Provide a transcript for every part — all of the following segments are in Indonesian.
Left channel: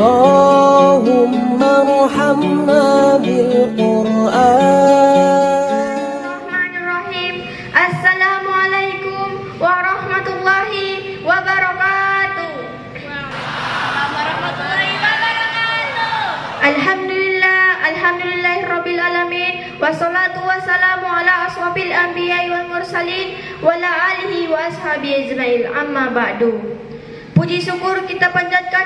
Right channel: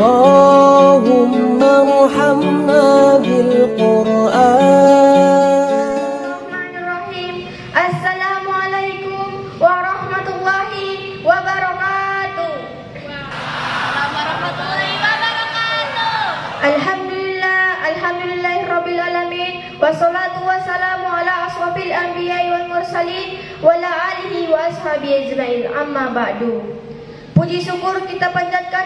اللهم ارحمنا بالقرآن. Assalamualaikum warahmatullahi wabarakatuh. Alhamdulillahirabbil alamin, wassalatu wassalamu ala asrofil anbiya'i wal mursalin wa ala alihi wa ashabihi ajmain. Amma ba'du. Puji syukur kita panjatkan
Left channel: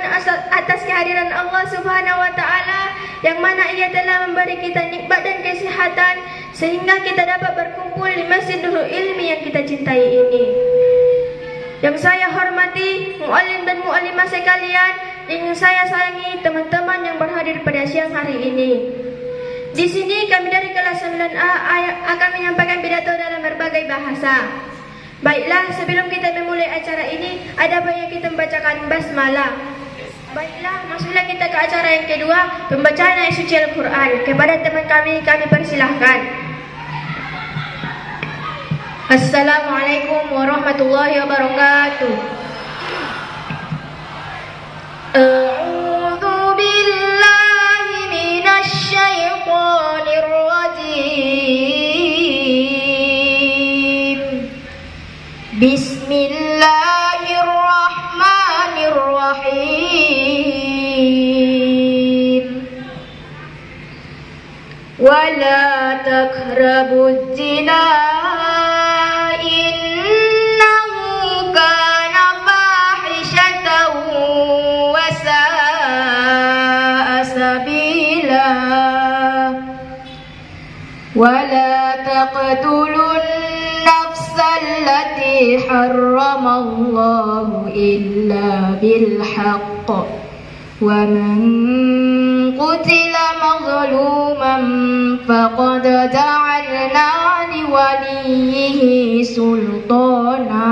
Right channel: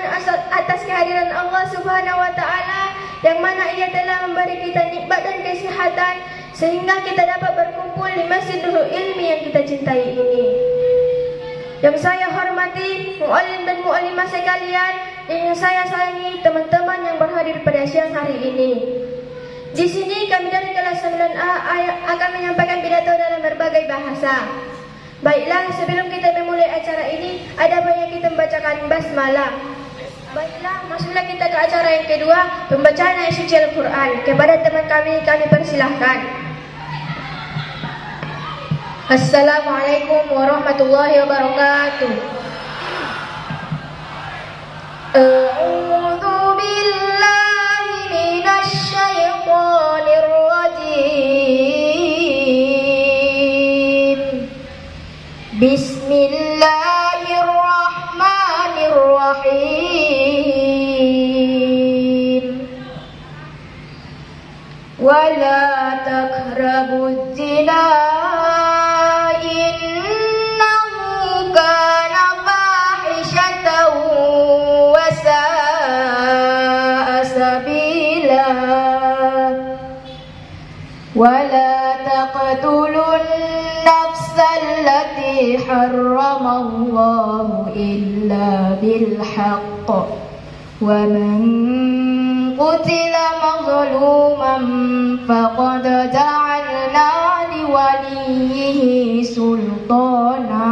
atas kehadiran Allah Subhanahu wa taala yang mana Ia telah memberi kita nikmat dan kesehatan sehingga kita dapat berkumpul di Masjid Nurul Ilmi yang kita cintai ini. Yang saya hormati muallim dan muallimah sekalian, yang saya sayangi teman-teman yang berhadir pada siang hari ini. Di sini kami dari kelas 9A akan menyampaikan pidato dalam berbagai bahasa. Baiklah, sebelum kita memulai acara ini, ada baiknya kita membacakan basmalah. Baiklah, masuklah kita ke acara yang kedua, pembacaan ayat suci Al-Quran. Kepada teman kami persilahkan. Assalamualaikum warahmatullahi wabarakatuh. A'udzu billahi minasy syaithanir rajim. Bismillahirrahmanirrahim. Wala taqrabuz zina innahu kana fahishatan wa sa'a sabila. Wala taqtulun التي حرم الله إلا بالحق ومن قتل مظلوما فقد جعلنا لوليه سلطانا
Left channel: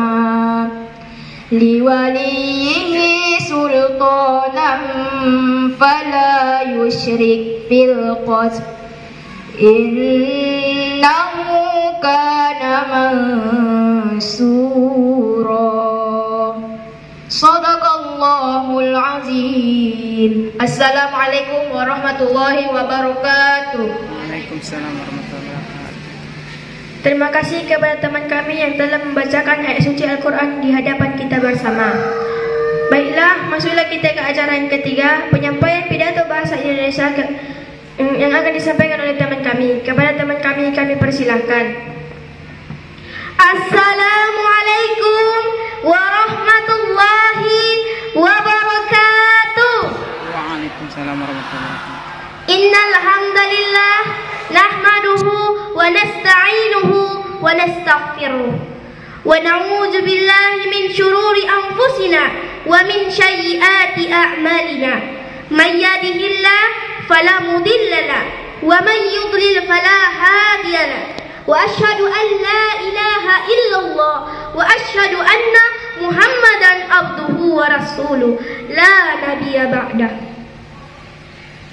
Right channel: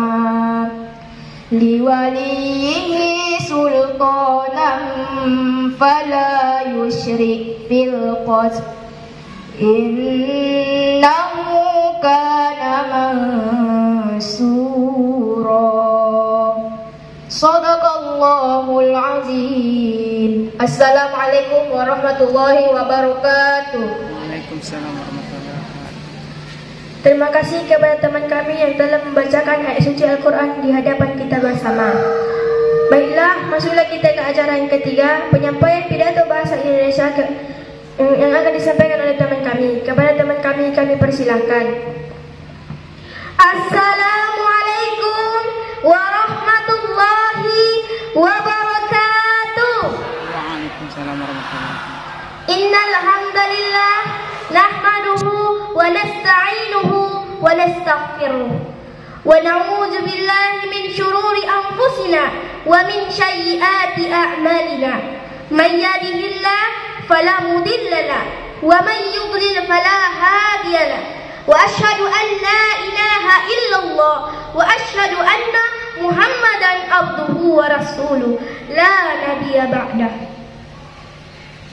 فلا يشرك في القتل innahu kana mansura. Shadaqallahul azim. Assalamualaikum warahmatullahi wabarakatuh. Waalaikumsalam warahmatullahi wabarakatuh. Terima kasih kepada teman kami yang telah membacakan ayat suci Al-Quran di hadapan kita bersama. Baiklah, masuklah kita ke acara yang ketiga, penyampaian pidato bahasa Indonesia yang akan disampaikan oleh teman kami. Kepada teman kami persilahkan. Assalamualaikum warahmatullahi wabarakatuh. Waalaikumsalam warahmatullahi wabarakatuh. Innal hamdalillah nahmaduhu wa nasta'inuhu wa nastaghfiruh wa na'udzu billahi min shururi anfusina wa min sayyiati a'malina. Man yahdihillahu فلا مضل له ومن يضلل فلا هادي له وأشهد أن لا إله إلا الله وأشهد أن محمدا عبده ورسوله لا نبي بعده.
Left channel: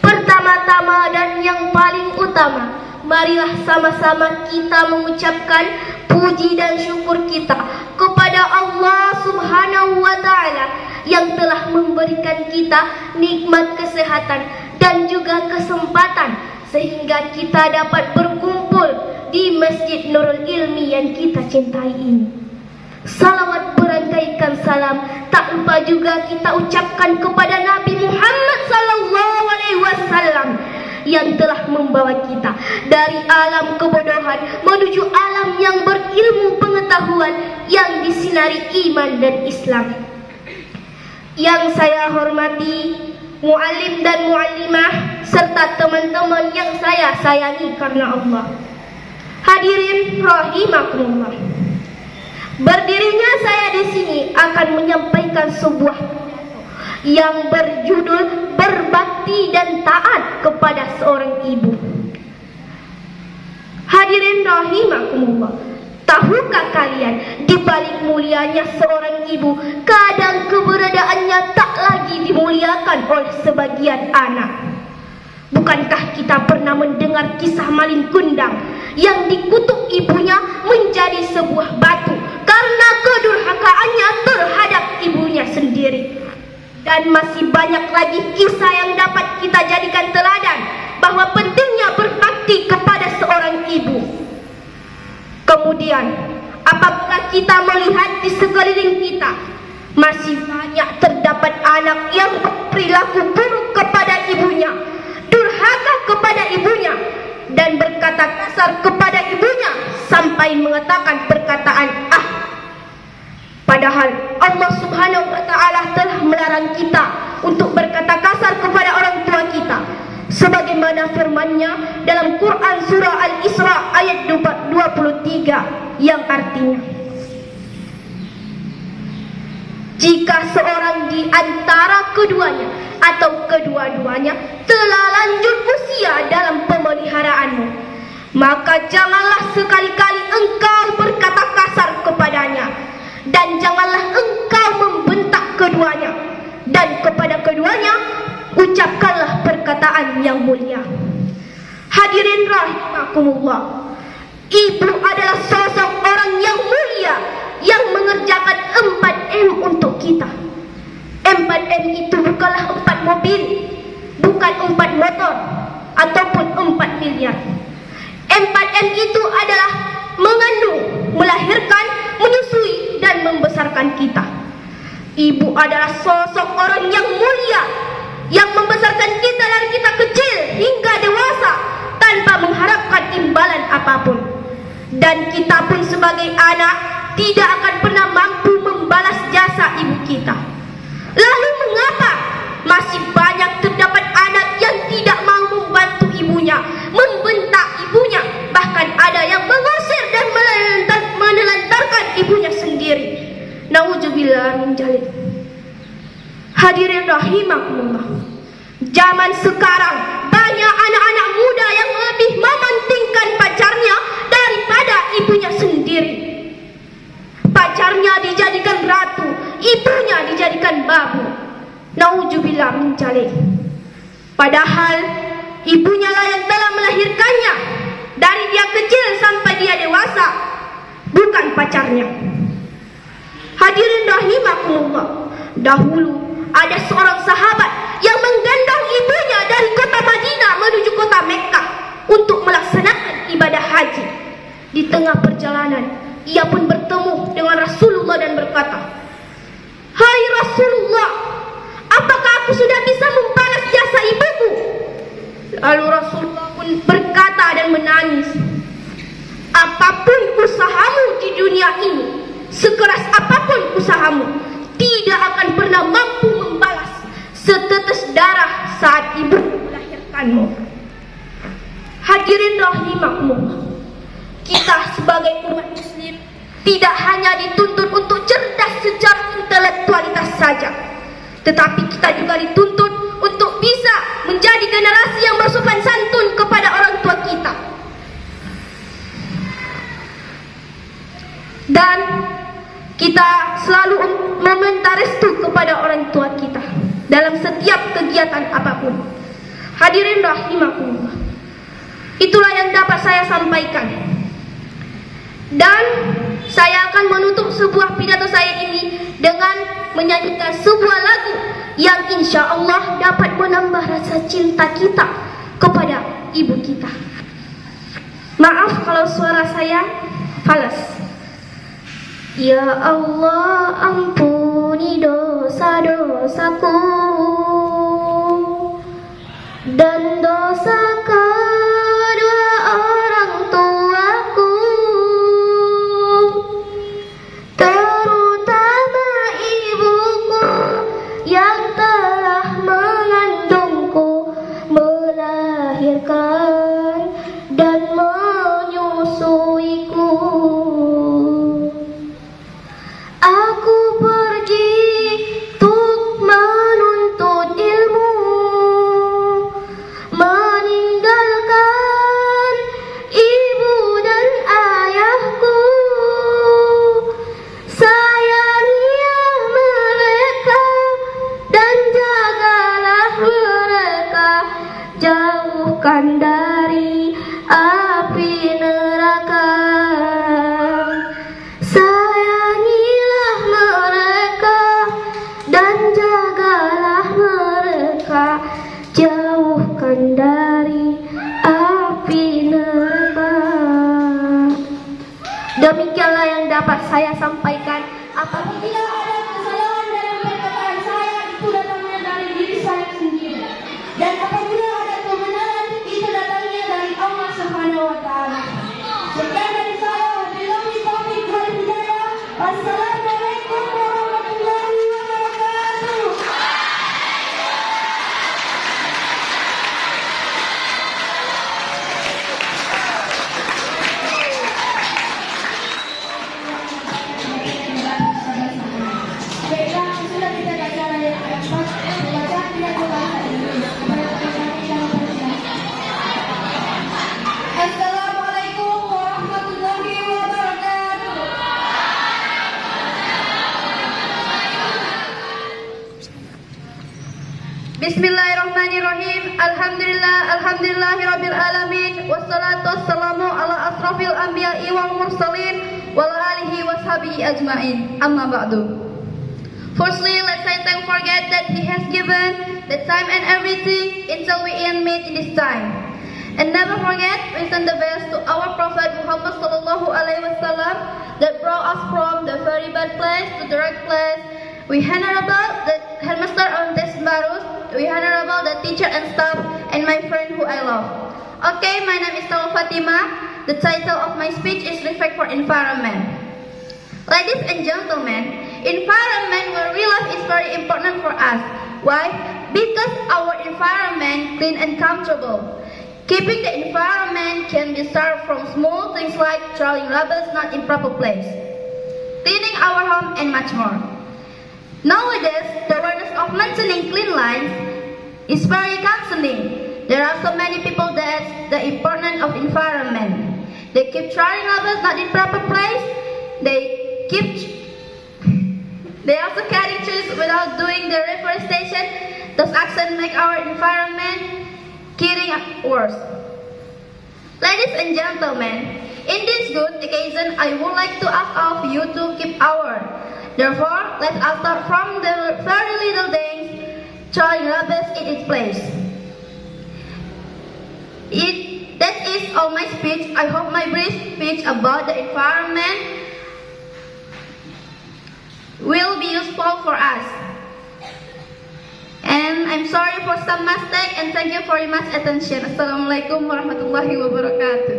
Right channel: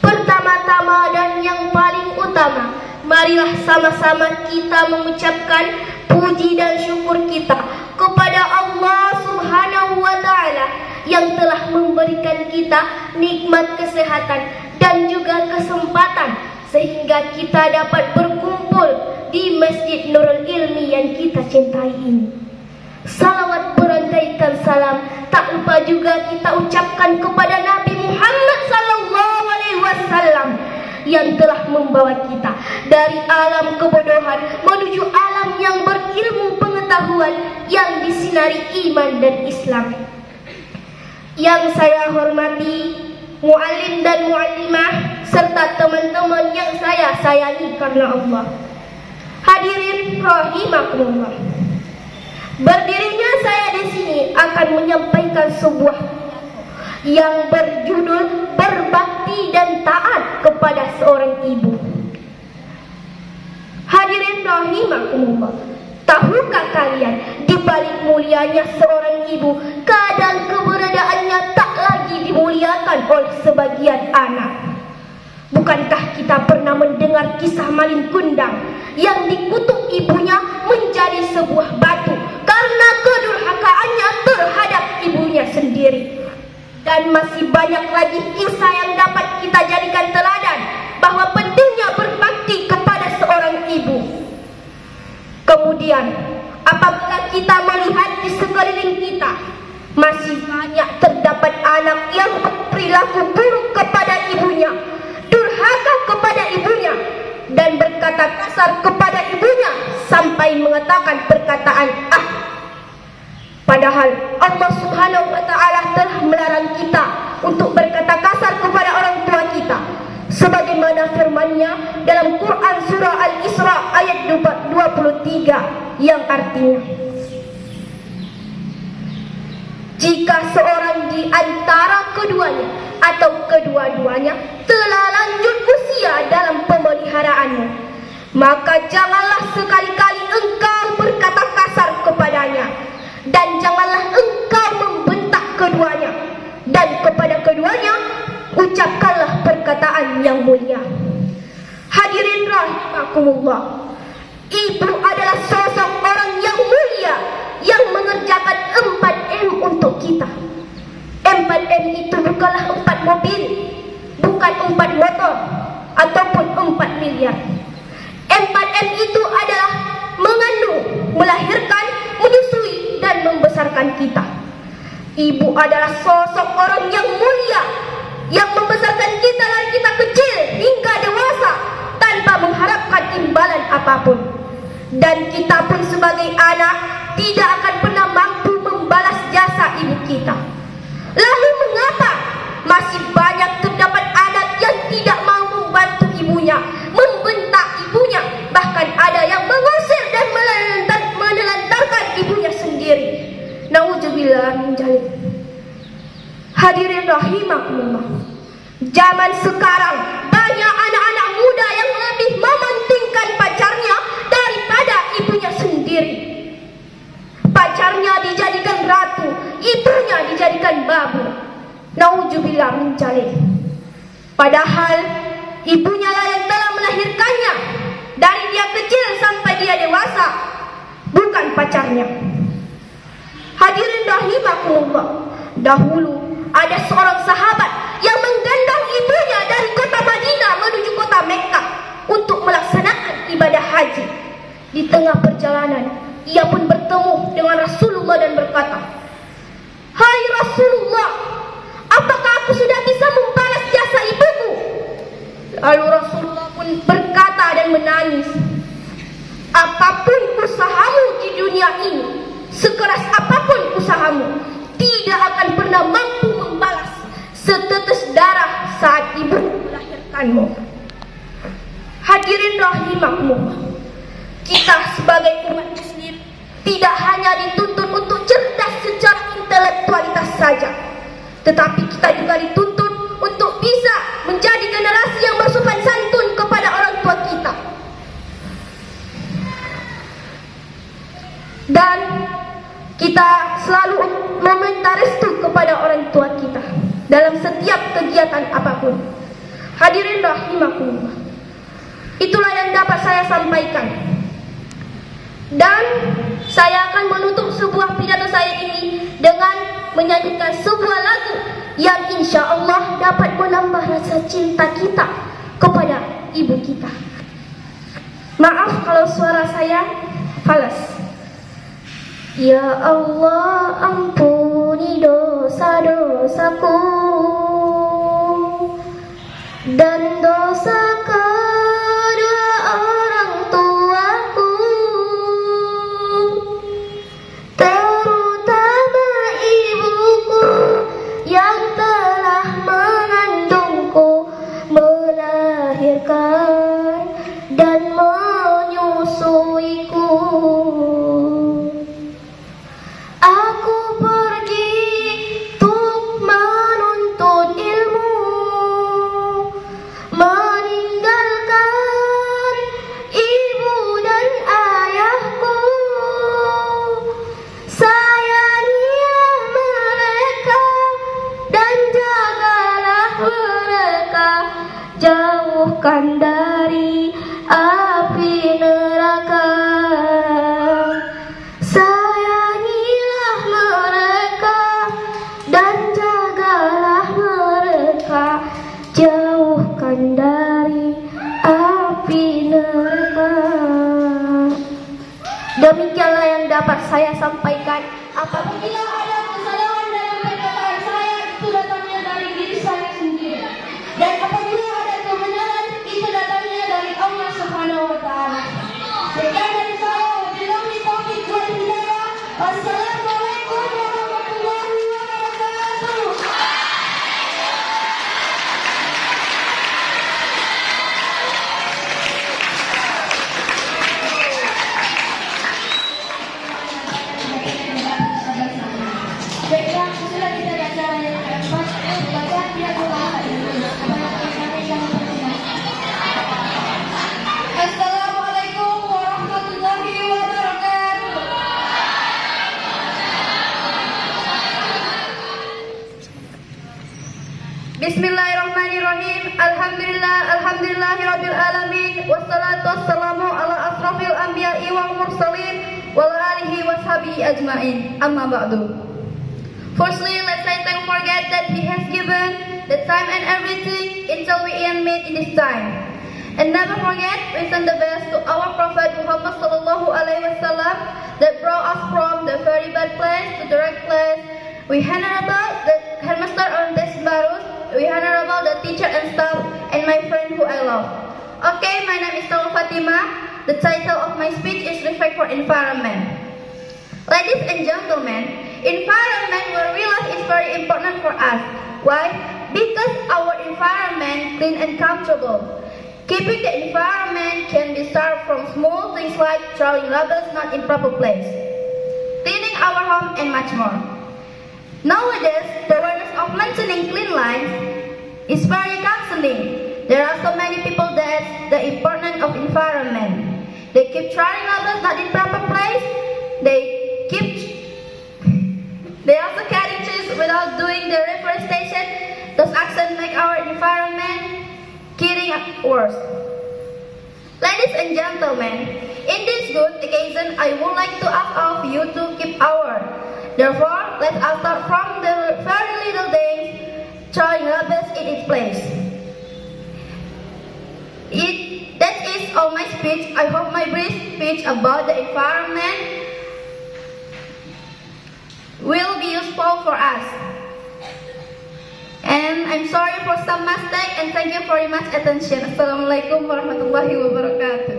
Pertama-tama dan yang paling utama, marilah sama-sama kita mengucapkan puji dan syukur kita kepada Allah Subhanahu wa taala yang telah memberikan kita nikmat kesehatan dan juga kesempatan sehingga kita dapat berkumpul di Masjid Nurul Ilmi yang kita cintai ini. Salawat berantaikan salam tak lupa juga kita ucapkan kepada Nabi Muhammad SAW yang telah membawa kita dari alam kebodohan menuju alam yang berilmu pengetahuan yang disinari iman dan Islam. Yang saya hormati muallim dan muallimah serta teman-teman yang saya sayangi karena Allah. Hadirin rahimakumullah. Berdirinya saya di sini akan menyampaikan sebuah pidato yang berjudul berbakti dan taat kepada seorang ibu. Hadirin rahimakumullah. Tahukah kalian di balik mulianya seorang ibu, kadang keberadaannya tak lagi dimuliakan oleh sebagian anak. Bukankah kita pernah mendengar kisah maling kundang yang dikutuk ibunya menjadi sebuah batu karena kedurhakaannya terhadap ibunya sendiri? Dan masih banyak lagi kisah yang dapat kita jadikan teladan bahwa pentingnya berbakti kepada seorang ibu. Kemudian, apabila kita melihat di sekeliling kita, masih banyak terdapat anak yang berperilaku buruk kepada ibunya, durhaka kepada ibunya, dan berkata kasar kepada ibunya sampai mengatakan perkataan "ah". Padahal Allah Subhanahu wa Ta'ala telah melarang kita untuk berkata kasar kepada orang tua kita, sebagaimana firman-Nya dalam Quran surah Al-Isra ayat 23 yang artinya, jika seorang di antara keduanya atau kedua-duanya telah lanjut usia dalam pemeliharaanmu, maka janganlah sekali-kali engkau berkata kasar kepadanya, dan janganlah engkau membentak keduanya, dan kepada keduanya ucapkanlah perkataan yang mulia. Hadirin rahimakumullah, ibu adalah sosok orang yang mulia yang mengerjakan 4M untuk kita. 4M itu bukanlah 4 mobil, bukan 4 motor, ataupun 4 miliar. 4M itu adalah mengandung, melahirkan, menyusui, dan membesarkan kita. Ibu adalah sosok orang yang mulia yang membesarkan kita dari kita kecil hingga dewasa tanpa mengharapkan imbalan apapun. Dan kita pun sebagai anak tidak akan pernah mampu membalas jasa ibu kita. Lalu mengapa masih banyak terdapat anak yang tidak mau membantu ibunya, membentak ibunya, bahkan ada yang mengusir dan menelantarkan ibunya sendiri? Nauzubillah min dzalik. Hadirin rahimakumullah, zaman sekarang banyak anak-anak muda yang lebih mementingkan pacarnya daripada ibunya sendiri. Pacarnya dijadikan ratu, ibunya dijadikan babu. Nauzubillah min dzalik. Padahal ibunya lah yang telah melahirkannya dari dia kecil sampai dia dewasa, bukan pacarnya. Hadirin rahimakumullah, dahulu ada seorang sahabat yang menggendong ibunya dari kota Madinah menuju kota Mekkah untuk melaksanakan ibadah haji. Di tengah perjalanan, ia pun bertemu dengan Rasulullah dan berkata, "Hai Rasulullah, apakah aku sudah bisa membalas jasa ibuku?" Lalu Rasulullah pun berkata dan menangis, "Apapun usahamu di dunia ini, sekeras apapun usahamu, tidak akan pernah mampu membalas setetes darah saat ibu melahirkanmu." Hadirin rahimakumullah, kita sebagai umat muslim tidak hanya dituntut untuk cerdas secara intelektualitas saja, tetapi kita juga dituntut untuk bisa menjadi generasi yang bersopan santun kepada orang tua kita. Dan kita selalu meminta restu kepada orang tua kita dalam setiap kegiatan apapun. Hadirin rahimakumullah, itulah yang dapat saya sampaikan. Dan saya akan menutup sebuah pidato saya ini dengan menyanyikan sebuah lagu yang insya Allah dapat menambah rasa cinta kita kepada ibu kita. Maaf kalau suara saya falas. Ya Allah, ampuni dosa-dosaku dan dosa kedua orang tuaku, terutama ibuku yang telah mengandungku, melahirkan dan menyusuiku. Aku pergi untuk menuntut ilmu, Demikianlah yang dapat saya sampaikan. Apabila ada kesalahan dalam perkataan saya, itu datangnya dari diri saya sendiri. Dan apabila ada kebenaran, itu datangnya dari Allah Subhanahu wa taala. Sekian dari saya, wabillahi taufiq wal hidayah. Wassalamualaikum warahmatullahi wabarakatuh. Baiklah, sudah kita baca ayat keempat. Baca tidak berbahasa Inggris. Assalamualaikum warahmatullahi wabarakatuh. Bismillahirrahmanirrahim. Alhamdulillahirabbil alamin. Wassalatu wassalamu ala asrafil anbiya'i wal mursalin wa ala alihi washabihi ajmain. Amma ba'du. Firstly, let's say don't forget that He has given the time and everything until we end meet in this time. And never forget, we send the best to our Prophet Muhammad sallallahu alaihi wasallam that brought us from the very bad place to the right place. We honorable the headmaster of this Barus, we honorable the teacher and staff, and my friend who I love. Okay, my name is Saul Fatima. The title of my speech is Respect for Environment. Ladies and gentlemen, environment where we live is very important for us. Why? Because our environment clean and comfortable. Keeping the environment can be started from small things like throwing rubbish not in proper place, cleaning our home, and much more. Nowadays, the awareness of maintaining clean life is very counseling. There are so many people that the importance of environment. They keep throwing rubbish not in proper place. They also carry trees without doing the reforestation. Those actions make our environment getting worse. Ladies and gentlemen, in this good occasion, I would like to ask of you to keep our. Therefore, let us start from the very little things, throwing rubbish in its place. That is all my speech. I hope my brief speech about the environment will be useful for us. And I'm sorry for some mistake and thank you very much attention. Assalamualaikum warahmatullahi wabarakatuh.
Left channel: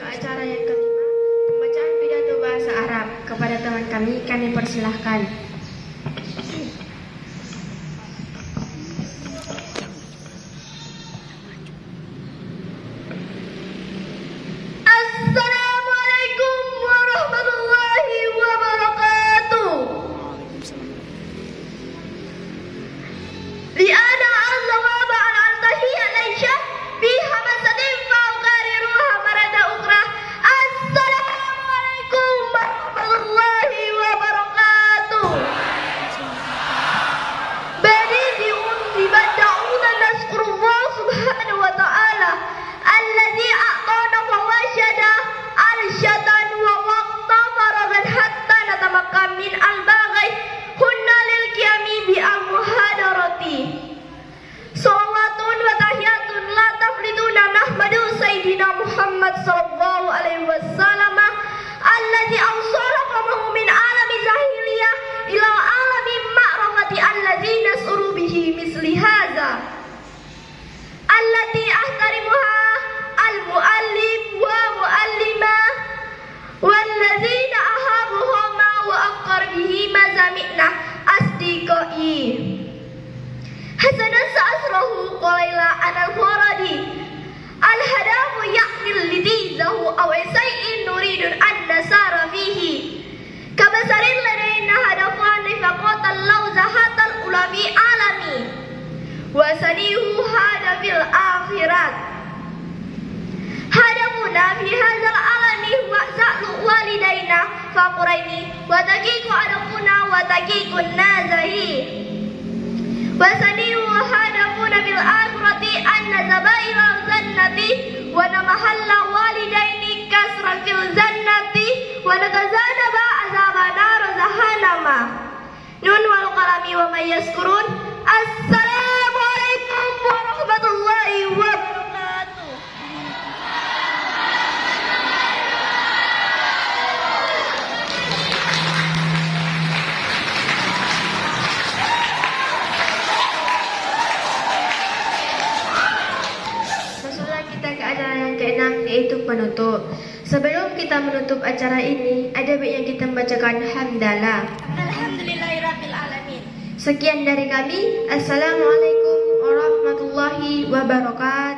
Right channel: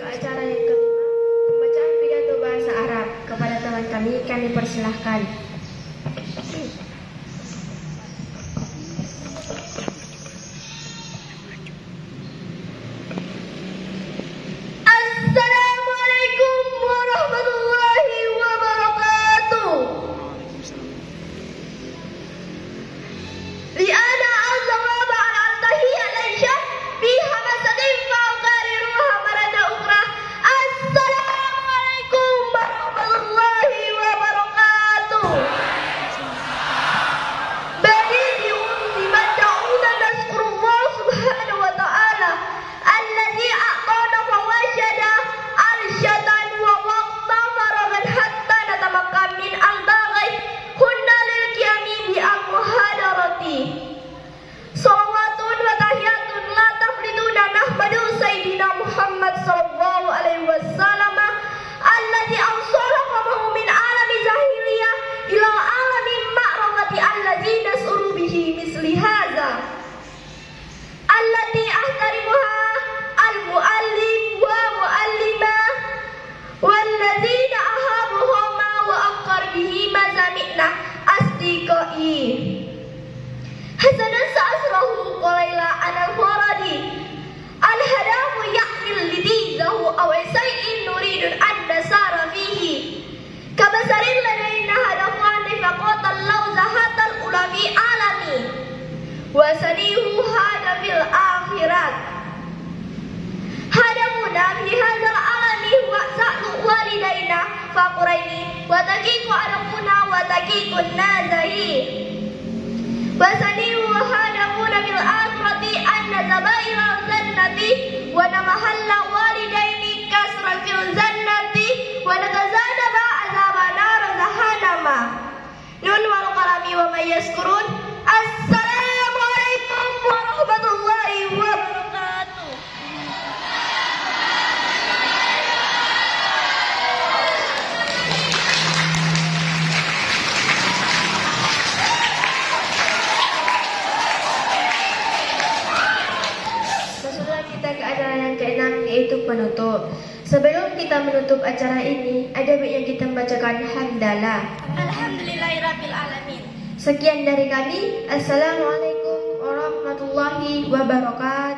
Ke acara yang kelima, pembacaan pidato bahasa Arab. Kepada teman kami persilahkan. Assalamualaikum warahmatullahi wabarakatuh. لأنا الجواب على التحية ليس في همسة فأكررها مرة أخرى. السلام عليكم ورحمة الله وبركاته. بليد بمن دعونا نشكر الله سبحانه وتعالى الذي أعطانا فواشدا أرشدا ووقتا فرغا حتى نتمكن من الباغي كنا للقيام بأمهادرتي. Salawatun wa tahiyatun la tafriduna nahmadu Sayyidina Muhammad sallallahu alaihi wasallam alladhi awsala qamahu min alami zahiliyah ila alami ma'rafati alladhi nas'uru bihi misli hadha allati ahtarimuha al-muallim wa muallima walladhina ahabuhuma wa aqar bihi mazamikna asdiqai. Hasanan sa'asrahu qalaila al-faradi al-hadamu ya'mil lidizahu aw say'in nuridun an-nasara fihi kabasarin ladaina hadafan faqatal lawzahatal ulami alami wa sanihu hadafil akhirat hadamuna fi hadzal alami wa sa'lu walidaina faquraini wa taqiqu adamuna wa taqiqun nazahi Wasanihu hadamuna bil akhirati anna zabaira jannati wa namahalla walidaini kasra fil jannati wa natazanaba azaba nar jahannama. Nun wal qalami wa may yaskurun. Assalamu alaikum warahmatullahi wabarakatuh. yaitu penutup. Sebelum kita menutup acara ini, ada baiknya kita membacakan hamdalah. Alhamdulillahirabbil alamin. Sekian dari kami. Assalamualaikum warahmatullahi wabarakatuh.